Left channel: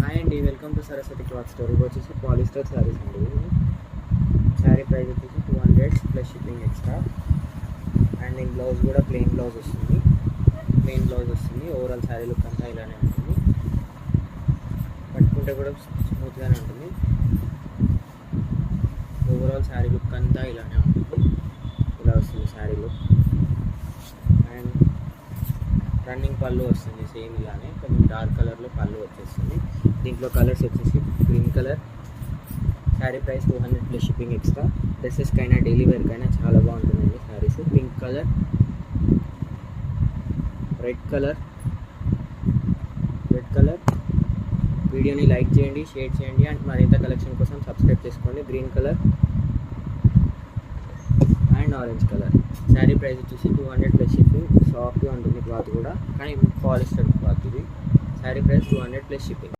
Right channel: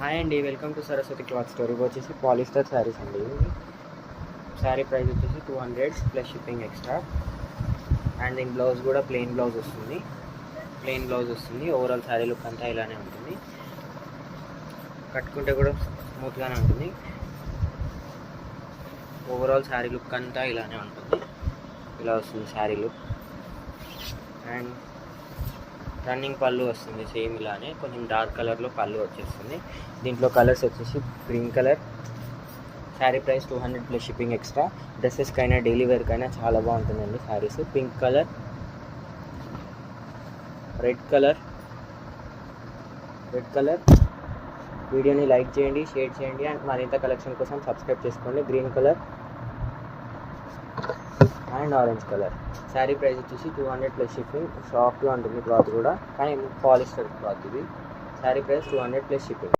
Hi అండి, welcome to Saraswati cloth store. ఇవి వచ్చేసి పాలిస్టర్ శారీస్ అండి. శారీ ప్రైస్ వచ్చేసి 200 ప్లస్ షిప్పింగ్ ఎక్స్ట్రా. అండ్ దీని బ్లౌజ్ కూడా ప్లెయిన్ బ్లౌజ్ వస్తుంది. ఓవరాల్ శారీ లుక్ అంతా ఇలానే ఉంటుంది. కట్టుకుంటే కూడా స్మూత్గానే ఉంటుంది. ఓవరాల్ శారీ లుక్ అంతా ఇలానే ఉంటుంది. ఇలా వస్తుంది శారీ లుక్. అండ్ రన్నింగ్ పళ్ళు వస్తుంది సేమ్ ఇలానే, కొంచెం డార్క్ కలర్లో పళ్ళు వచ్చేస్తుంది. దీంట్లో కలర్స్ వచ్చేసి green colour. Sari price 200 plus shipping extra. డ్రెస్సెస్కైనా డైలీ వేర్కైనా చాలా బాగుంటుందండి saris. Pink colour, red colour. వీడియోని లైక్ చేయండి, షేర్ చేయండి అండ్ మరింత కలెక్షన్ కోసం సబ్స్క్రైబ్ చేసుకోండి. Green colour and orange colour. Sari price వచ్చేసి 200 ప్లస్ షిప్పింగ్. సాఫ్ట్గా ఉంటుంది క్లాత్ కూడా, కానీ పాలిస్టర్ క్లాత్ ఇది. Sari price 200 plus shipping.